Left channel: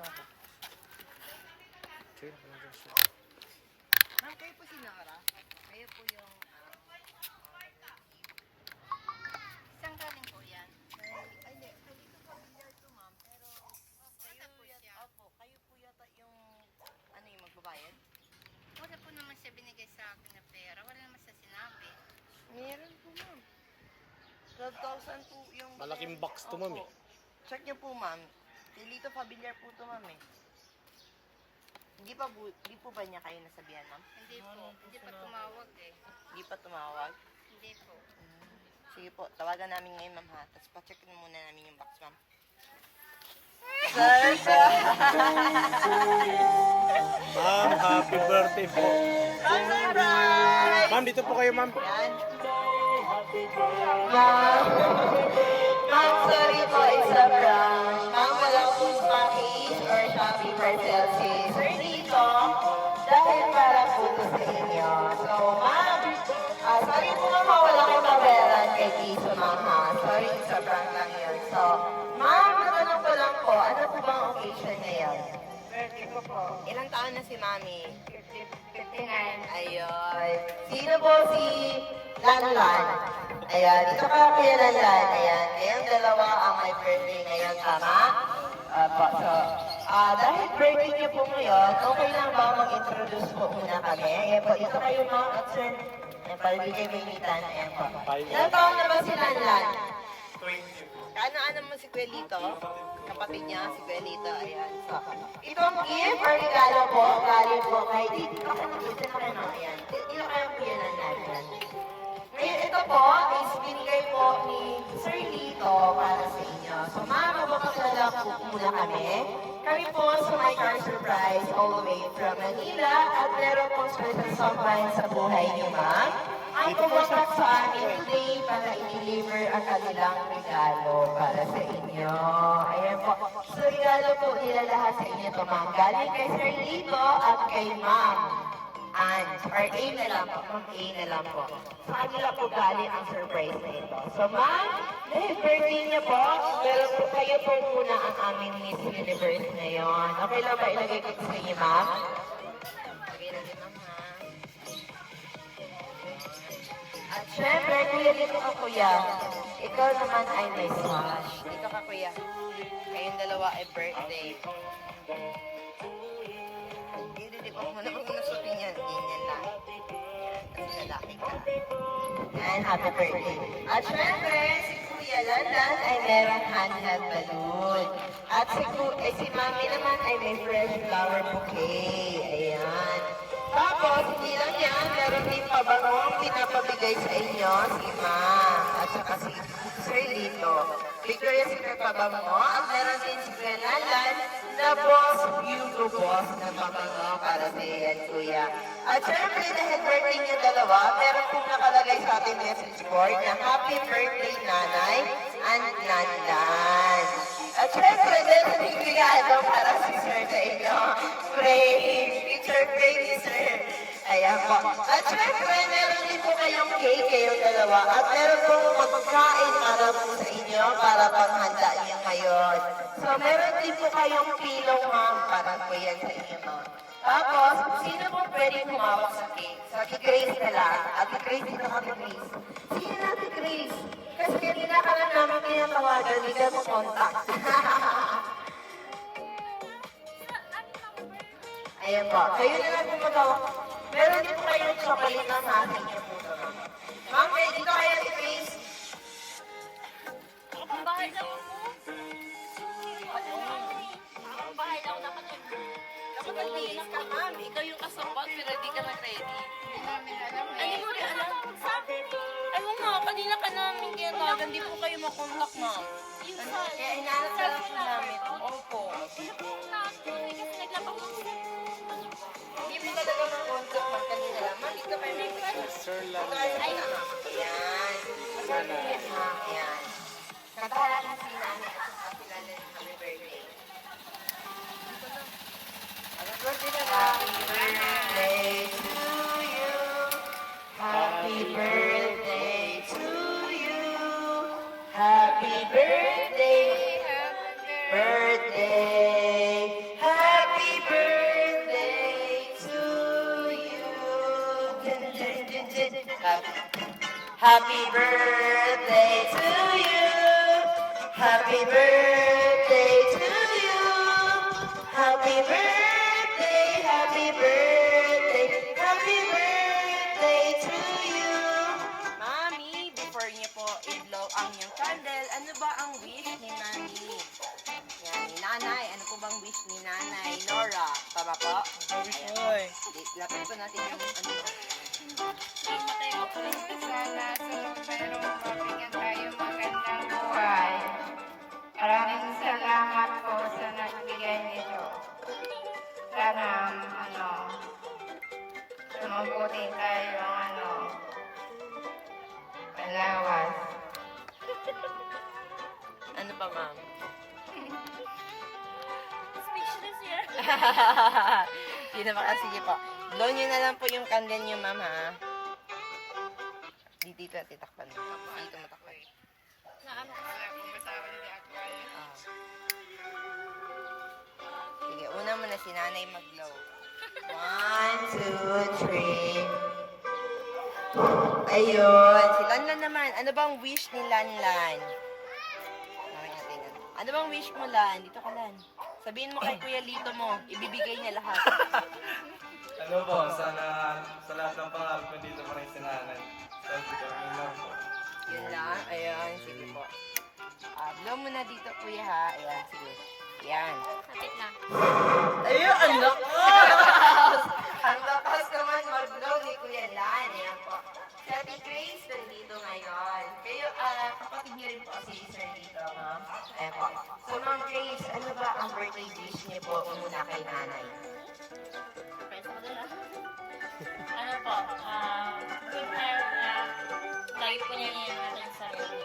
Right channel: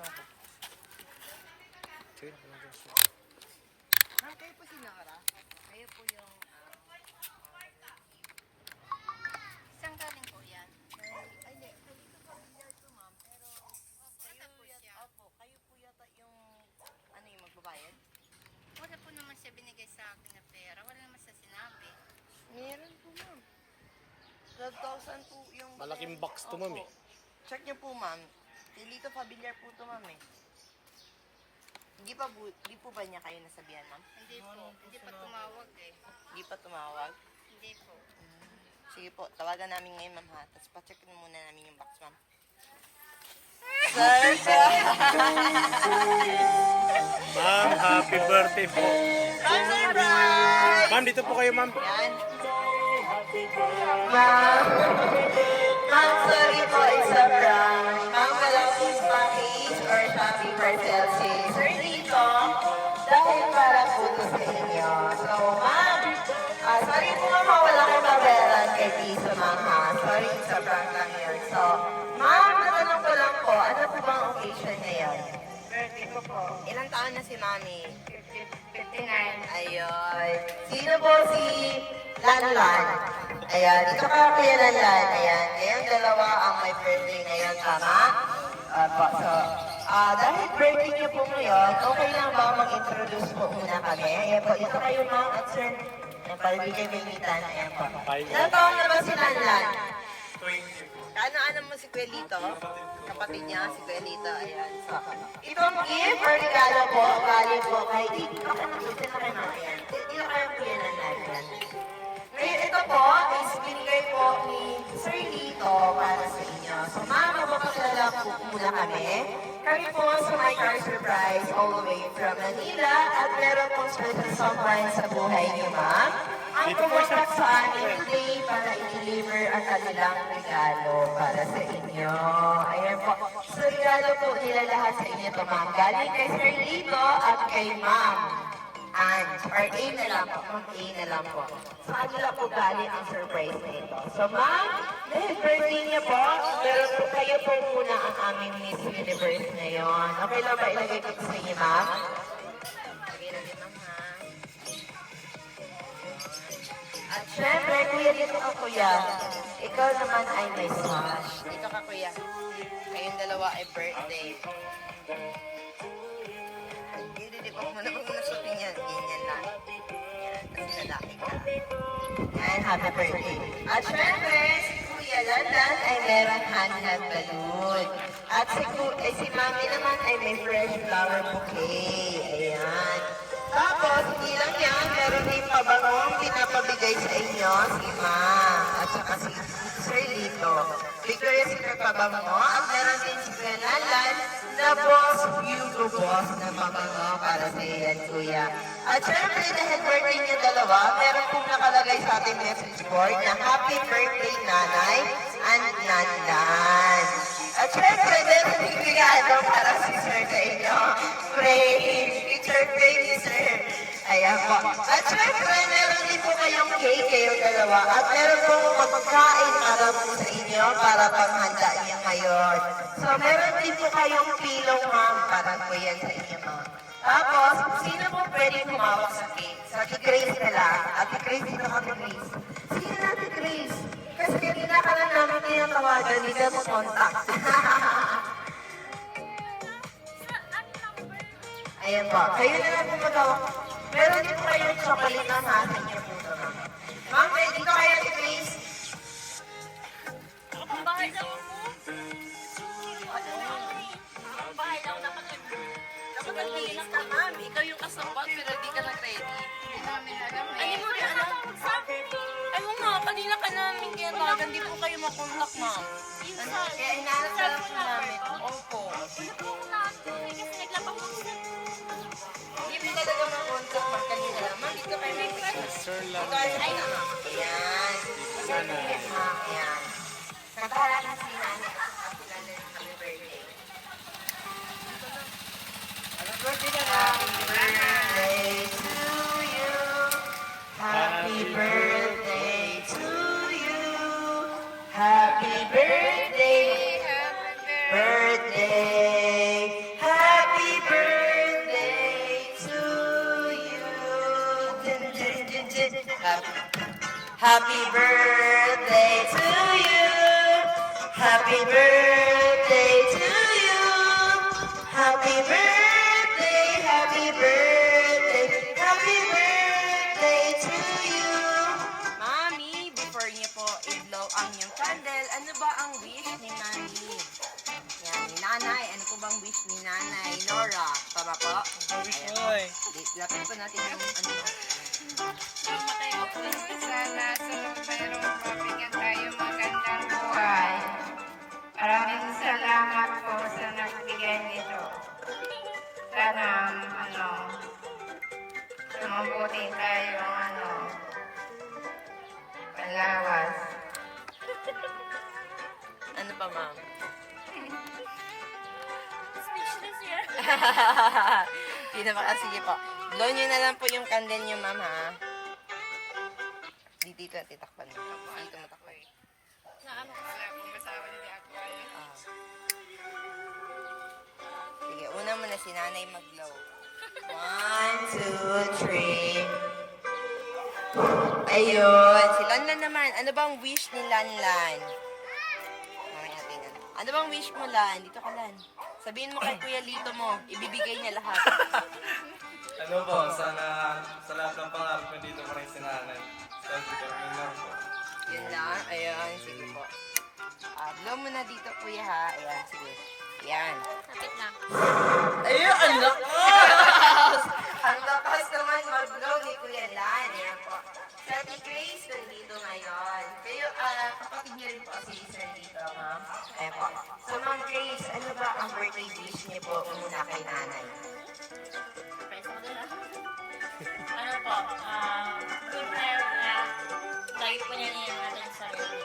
Ma'am, kayo po sinara? Kayo po yung... Isang galing po yan? Ay, hindi. Dito po, bilyar to, ma'am. Pero, kayo po siya. Opo, kayo po yata yung... Ano yung magbabayad? Wala po naman siya binigay sa akin na pera. Wala naman siya sinabi. Meron po, ma'am. 12,000 po yung... Malaking box to, ma'am eh. Check niyo po, ma'am. Dito pamilyar po to, ma'am eh. Hindi po ba niya kayo nasabihan, ma'am? Hindi po. Hindi pa tumawag eh. Hindi pa tumawag? Hindi po. Sige po, tawagan namin ngayon, ma'am, ha? Tapos pa-check muna namin yung box, ma'am. Sir! Ma'am, happy birthday po. Ma'am, surprise! Ma'am, dito po kayo, ma'am. Yan. Ma'am, ma'am, sorry po, it's a prank. Ma'am, wala po Smakies or Shopee parcel si Sir Dito dahil parang puto sa inyo. So, ma'am, sorry po ma'am, wala kayo mabayaran kay Tisa, ma'am, ha? Sorry, it's a prank lang yun. So, ma'am, natanong ko lang po, ano po bang occasion ngayon? Birthday ko po. Ilang taon na si Mami? 59. Ayun. Sino po si Lanlan? Ayan, ito ka Kuya Lanlan. Ayan, kayong dalawa ang may birthday ngayon, tama? So, dahil birthday niyo po ngayon, okay lang ba mag-introduce po muna kami? Ayan po, dito kayo ma'am at sir. Ayan, para bigay bingitan. Ayan po. Ilang taon na ba si Lanlan? Ano mo si Kuya Lito? Kapatid niya, si Kuya Lito. Ayan. So, itong gift or regalo po, galing po kay Dito. Ayan. Dito kayo Kuya Lanlan. Ngayon, ito po is binigay po ni Sir Lito para sa inyo. So, ma'am, magpapakilala po muna kami. Kami po sa My Car Surprise all the way from Manila at meron po special someone sa buhay niyo, ma'am. Ang pumunta sa amin today para i-deliver ang kanilang regalo para sa inyo. Ayan po. So, regalo po nila lahat sa inyo ito, ma'am. Galing kay Sir Lito at kay ma'am. Or A na lang po. Ma'am, A na lang po. Sa kanila po galing ang surprise na ito. So, ma'am, dahil birthday niya po, meron po kayo po muna ang aming Miss Universe ngayon. Okay lang ba ilagay ko sa inyo, ma'am? Lagay natin, ma'am, ha? At syempre, kuya, dito ka, kuya. Ikaw naman ay may smash. Dito ka, kuya. Kayong dalawa ay birthday. Hindi ko muna shopping yan. Ganyan lang. Tapos lalaki ka. And happy birthday. At syempre, si Kuya Landan ay meron handheld balloon. At si Mami naman ay may fresh flower bouquet. Ayan. Tapos, hindi lang yan, meron din pabangong pinapabigay sa inyo si Ma'am at saka si Sir Lito. Victoria's Secret pabango at meron din si Kalalan na Boss Hugo Boss na pabango para sa iyan, Kuya. At syempre, dahil birthday niyo dalawa, meron pong nakalagay sa ating message board na Happy Birthday, Nanay and Nandan. At syempre, meron din regalo para si Sir sa inyo. Frame, picture frame ni Sir. Ayan po. At syempre, meron din po kayong cake kayong dalawa. At meron po magpagkain para po sa inyo para panghanda niyo ngayon. So, meron din po kayong pilong, ma'am, para po yan sa inyo, ma'am. Tapos, sino po pwede humawak sa cake? Sa Ate Grace na lang. Ate Grace, dito ka, Ate Grace. Sige na, Ate Grace. Kasi kanina ka lang namin tinatawagan, hindi ka mo contact. Ayan po. Kayo na lang po magawak. Meron din po kayong chocolate na sa akin niyo po ito, ma'am. Ma'am, dito kayo, Ate Grace. Ang bahay daw mo. Ang bahay daw nakatipid. Dapat nag-iinis ka, ma'am. Ikaw yung kasabot, pero di ka nag-ready. Hindi namin alam eh. Ay, mo rin alam. Sabi mo. Ay mo nga, kanina ka namin tinatawagan. Di po kayo makontak, ma'am. Kaya inaanap na lang po namin. Opo. Hindi mo talaga makontak, ma'am, kanina lang. Ma'am, dito kayo may Sir Lan. Ayan. Ma'am, ayan. Nagkaroon si nanay at saka si nanay ng happy birthday. Happy birthday na lang. Happy birthday to you. Happy birthday to you. Happy birthday. Birthday. Happy birthday to you. Happy birthday to you. Happy birthday, happy birthday, happy birthday to you. Mami, before niyo po i-blow ang inyong candle, ano ba ang wish ni Mami? Yan, ni Nanay. Ano po bang wish ni Nanay? Nora, tama po? Wish Ayan mo po. eh. Lapit po natin yung ano. Mamatay ko po sana pero mabigyan tayo magandang buhay. Maraming salamat po sa nagbigay nito. Sana, mabuti tayo, salamat. Ano pa, ma'am? Speechless yan. Hindi na maka. Sige po. Blow nyo na lang po yung candle nyo, ma'am, ha? Dito at titakpan mo. Dito mo takpan. Naano ko sa Ah. Sige, una muna si nanay mag-blow. 1, 2, 3. Ayun. Ayun. Si Lanlan naman. Ano bang wish ni Lanlan? Okay natin. Ano bang wish mo, Lan? Dito ka, Lan. Sabihin mo kay Kuya Lito mo. Ibibigay niya lahat. Ano po, sana sa lahat ng pangarap ko dito pa rin sa nanay. Thank you po, yun lang po. Yun lang. Ayan. Sige po. Blow mo na dito, Kuya, ha? Ayan. Sige. Ayan. Kapit na. Ayun, ang lakas! Ang lakas naman mag-blow ni Kuya Lan. Ayan po. Si Ate Grace, nandito ngayon. Kayo, kapatid niyo rin po si Sir dito, ma'am. Ayan po. So, Ma'am Grace, ano ba ang birthday wish niyo po muna kay nanay? Surprise mo din Ano po, good health, lagi po niya iingatan yung sarili.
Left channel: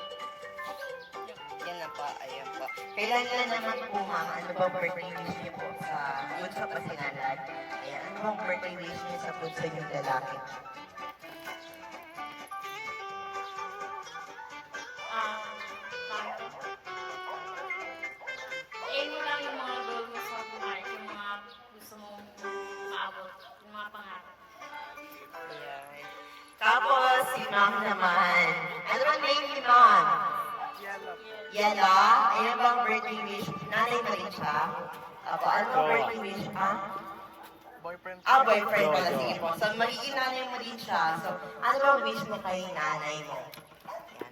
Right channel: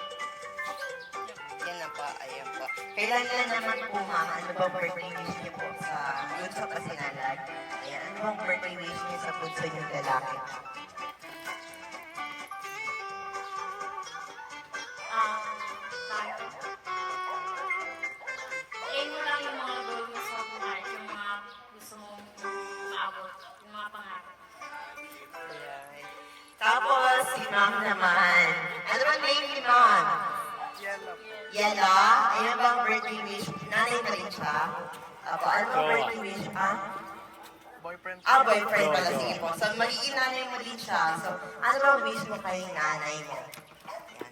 Yan na po. Ayan po. Kailan na naman po, ma'am, ano ba birthday wish niyo po sa bunso pasinalan? Ayan, ano bang birthday wish niyo sa bunso niyong lalaki? Mo lang yung mga gawin sa mga yung mga gusto mong maabot, yung mga pangarap. Ayan. Tapos, si ma'am naman. Ano ba name ni ma'am? Yala. Ayun bang birthday wish? Nanay pa rin siya? Apo, ano bang birthday wish pa? Boyfriend. Boyfriend pala. Sige po. So, magiging nanay mo rin siya. So, ano bang wish mo kay nanay mo?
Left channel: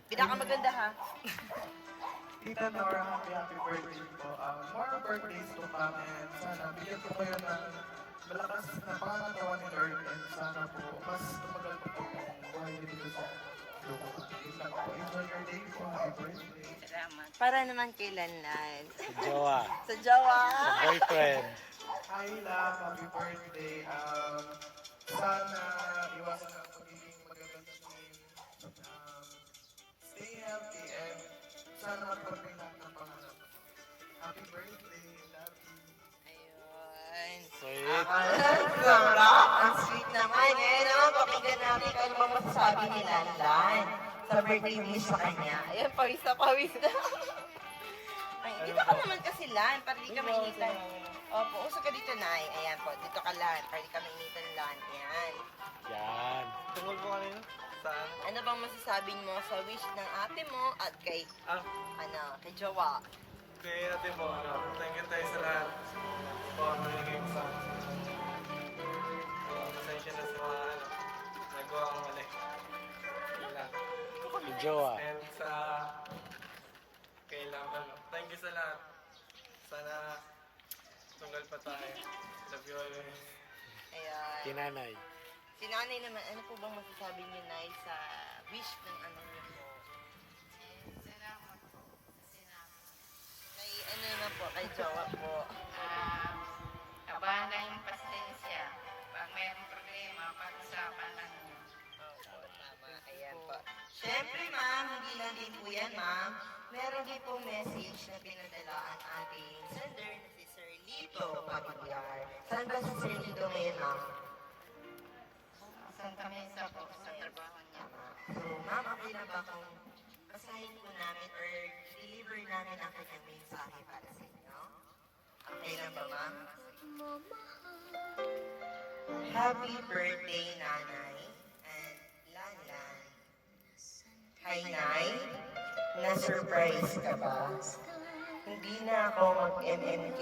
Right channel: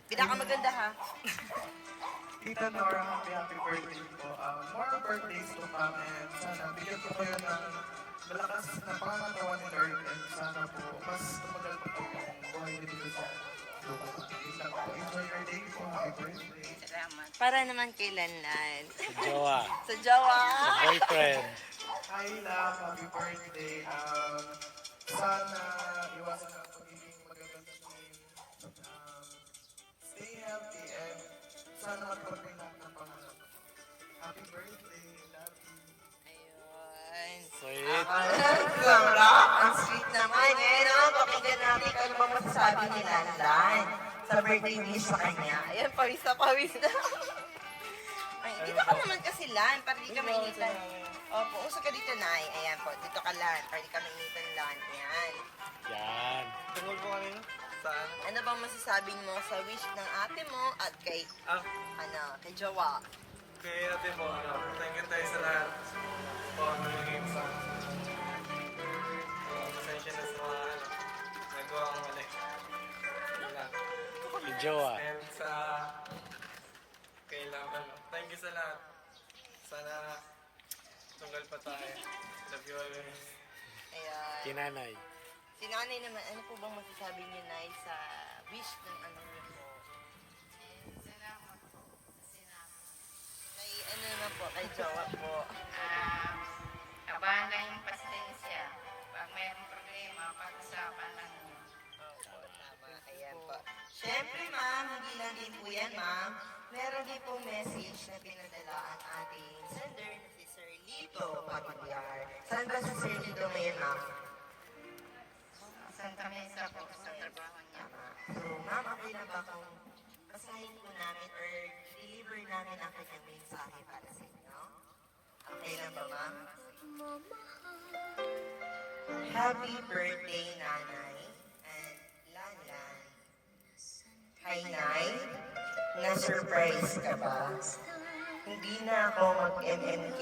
Pinakamaganda, ha? Tita Nora, happy birthday po. More birthdays to come and sana bigyan ko kayo ng malakas na pangangatawan ni Lord and sana po mas tumagal pa po yung buhay niyo dito sa lupa. Yun lang po. Enjoy your day po. Happy birthday. Para naman kay Lanlan. Sa jowa. Sa jowa. Sa boyfriend. Hi, love. Happy birthday. Sana iwasan ang pagiging magandang stay healthy and sana matapin lang ng pangarap. Happy birthday. Love you. Ayun. Sweet. Ang sweet naman. Ngayon naman, pakinggan natin kung ano ba masasabi ni Lanlan sa birthday wish sa kanya. Ayun, pawis na pawis na. Ay, dito ka naman kasi, Lan. Para di ka mainitan. Opo, uso ka dito, Nay. Ayan po, dito ka, Lan. Para di ka mainitan, Lan. Ayan. Yan. Tungkol po kanina? Saan? Ano bang masasabi mo sa wish ng ate mo at kay, kay Jowa? Kaya ate mo, thank you tayo sa lahat. Po, nagiging sa pasensya na sa mga nagawa kong mali. Yun lang. Sa jowa. And sa kailangan, thank you sa lahat. Sana tunggal pa tayo. Love you always. Ayan. Kinanay. Si nanay naman, ano po bang masasabi niyo, Nay, sa wish ng anak niyo po? Salamat po. Salamat. Kay, ano naman po, kay Jowa po. Abahan lang yung pasensya. Pag mayroong problema, pag-usapan lang nyo. Tama, ayan po. Siyempre, ma'am, hindi lang din po yan, ma'am. Meron din pong message na pinadala ang ating sender na si Sir Lito Papagyar. Saan ba si Sir Lito ngayon, ma'am? Santa Mesa po, sir. Tama. So, ma'am, okay lang ba kung basahin po namin or deliver namin ang kanyang mensahe para sa inyo? Okay lang ba, ma'am? Happy birthday, Nanay and Lanlan. Ay, Nay, na-surprise ka ba? Hindi na ako mag-MMK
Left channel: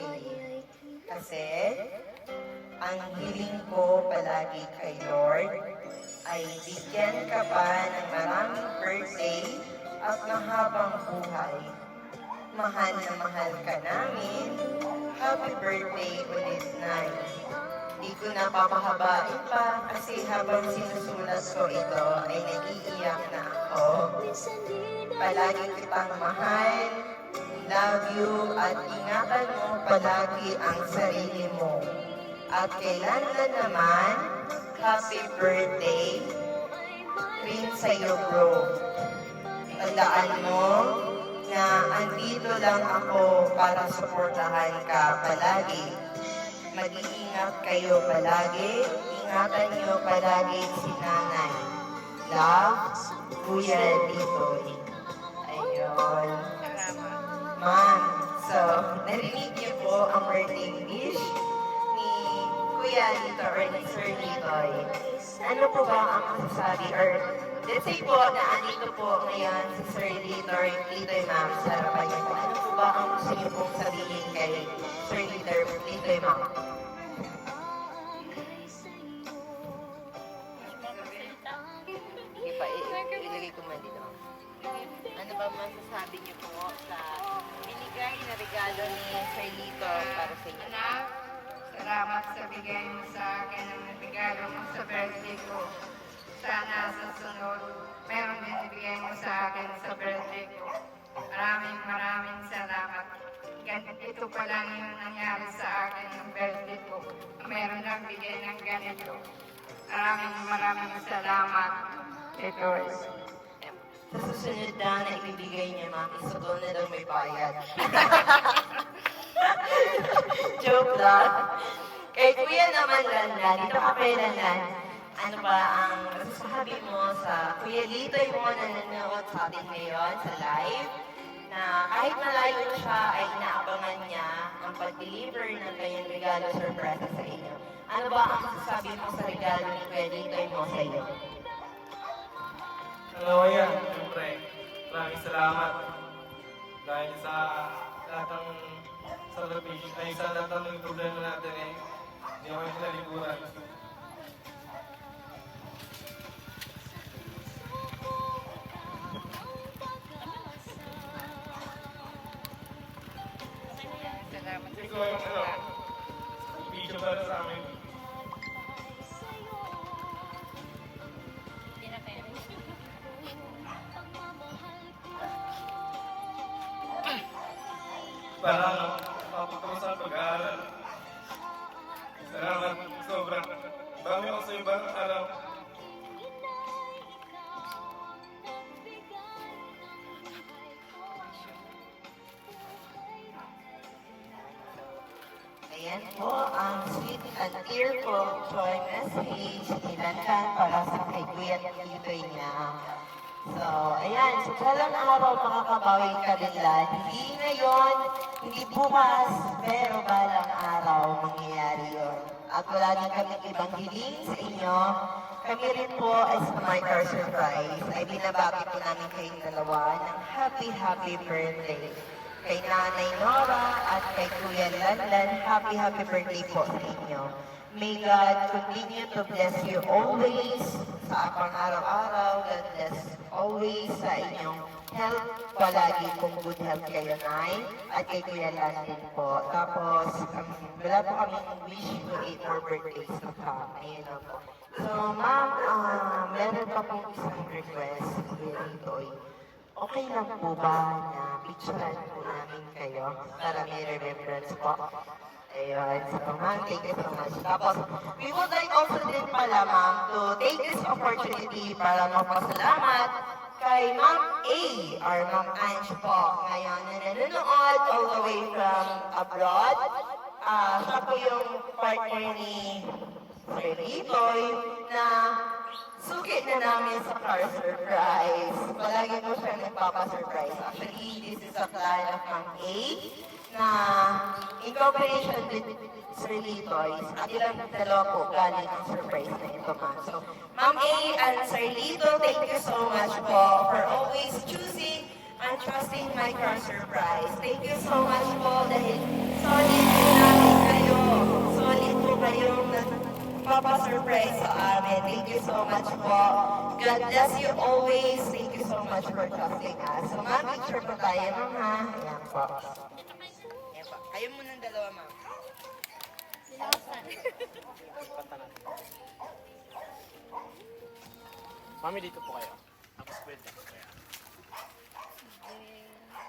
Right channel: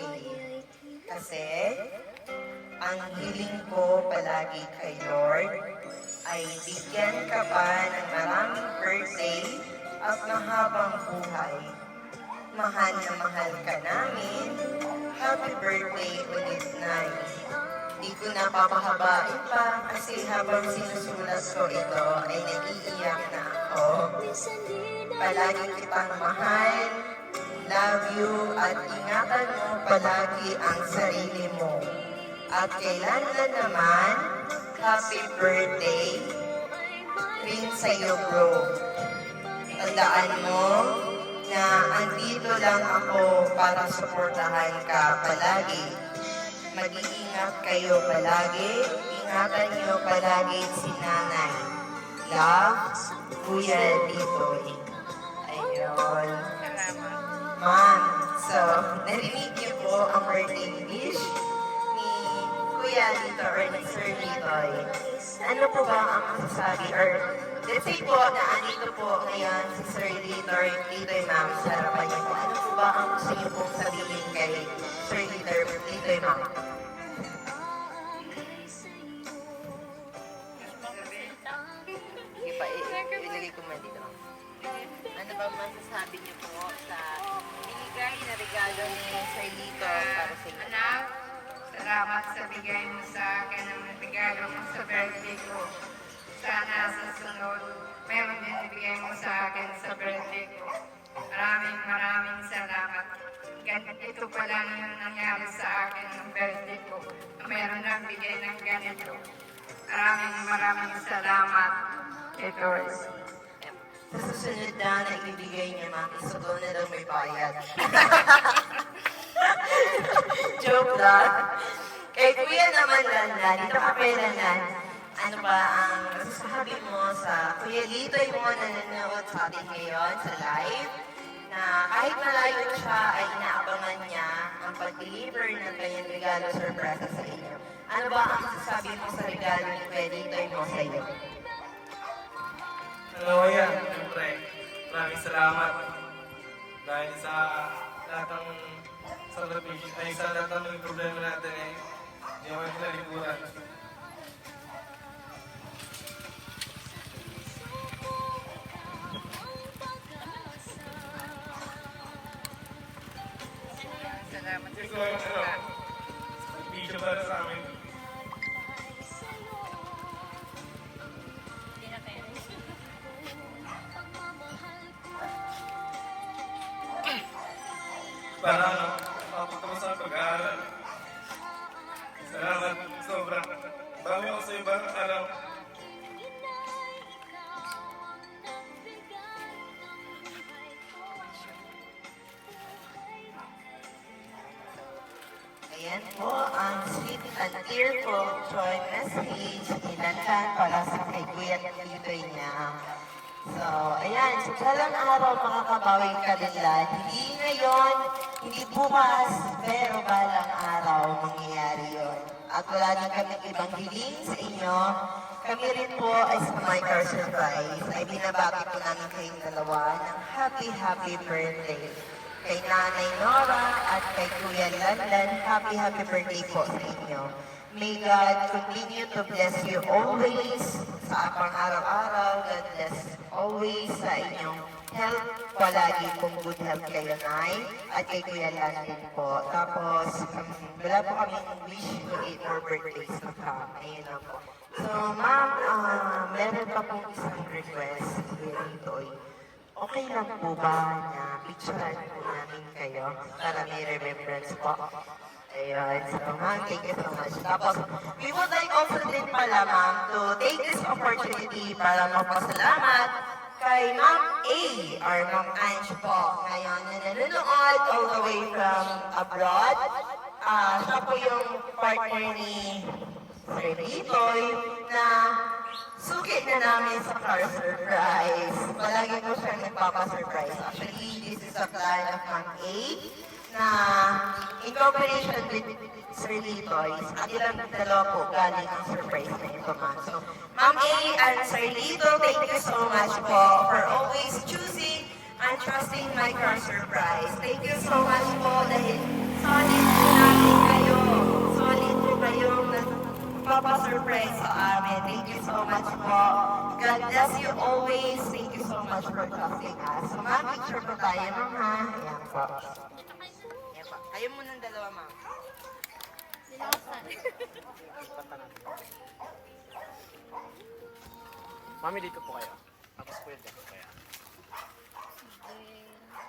kasi ang hiling ko palagi kay Lord ay bigyan ka pa ng maraming birthday at mahabang buhay. Mahal na mahal ka namin. Happy birthday ulit, Nay. Di ko na papahabain pa kasi habang sinusulat ko ito ay naiiyak na ako. Palagi kitang mahal, love you, at ingatan mo palagi ang sarili mo. At kailangan naman, happy birthday rin sa'yo, bro. Tandaan mo na andito lang ako para suportahan ka palagi. Mag-iingat kayo palagi. Ingatan niyo palagi si Nanay. Love, Kuya Litoy. Ayun. Ma'am, so, narinig niyo po ang birthday wish ni Kuya Lito or ni Sir Litoy. Ano po ba ang masasabi or let's say po na andito po ngayon si Sir Lito or Litoy Ma'am sa harapan niyo po. Ano po ba ang gusto niyo pong sabihin kay Sir Litoy Ma'am? Ilagay ko man dito. Ano ba masasabi niyo po sa binigay na regalo ni Sir Lito para sa inyo? Anak, salamat sa bigay mo sa akin ng regalo mo sa birthday ko. Sana sa sunod, meron din ibigay mo sa akin sa birthday ko. Maraming salamat. Ganito pa lang yung nangyari sa akin ng birthday ko. Meron ang bigay ng ganito. Maraming salamat. Ito is Sa susunod na ibibigay niya, ma'am, isugaw na daw may bayad. Joke lang. Kay Kuya naman, Lanlan, dito ka kay Lanlan, ano ba ang masasabi mo sa Kuya Litoy mo na nanonood sa atin ngayon sa live, na kahit malayo siya ay inaabangan niya ang pag-deliver ng kanyang regalo surprise sa inyo. Ano ba ang masasabi mo sa regalo ni Kuya Litoy mo sa iyo? Hello, yan. Siyempre, maraming salamat. Dahil sa lahat ng sakripisyo, dahil sa lahat ng problema natin ay hindi ako naliliburan. salamat. Kasi ko, bisyo para sa amin. Hindi na parents. Para matutuwa sa pag-aaral. Salamat sobrang. Bago ako sa iba, araw. Ayan po ang sweet and tearful joy message ni Lanlan para sa kay Kuya Litoy niya. So, ayan, sa talang araw makakabawi ka din lang. Hindi ngayon, hindi bukas, pero balang araw mangyayari yun. At wala na kami ibang hiling sa inyo. Kami rin po ay sa My Car Surprise ay binabati po namin kayong dalawa ng happy birthday. Kay Nanay Nora at kay Kuya Lanlan, happy birthday po sa inyo. May God continue to bless you always sa apang araw-araw. God bless always sa inyong health. Palagi kung good health kayo, Nay. At kay Kuya Lanlan po. Tapos, wala po kami wish to 8 more birthdays to come. Ayun na po. So, ma'am, meron pa pong isang request. Kuya Litoy. Okay lang po ba na picturean po namin kayo para may remembrance po? Ayun, so ma'am, thank you so much. Tapos, we would like also din pala ma'am to take this opportunity para magpasalamat kay Ma'am A or Ma'am Ange po. Ngayon, na nanonood all the way from abroad. Siya po yung partner ni Sir Litoy na suki na namin sa car surprise. Palagi ko siya nagpapa-surprise. Actually, this is a plan of Ma'am A. na in cooperation with Sir Lee Toys, ang ilang dalawa po galing ang surprise na ito, ma'am. So, Ma'am A and Sir Lito, thank you so much po for always choosing and trusting Micro Surprise. Thank you so much po dahil solid po namin kayo. Solid po kayong nagpapasurprise sa amin. Thank you so much po. God bless you always. Thank you so much for trusting us. So, ma'am, picture po tayo, ma'am, ha? Ayan po. Ayan po. Kayo muna ng dalawa, ma'am. Mami, dito po kayo. Tapos pwede. Kaya.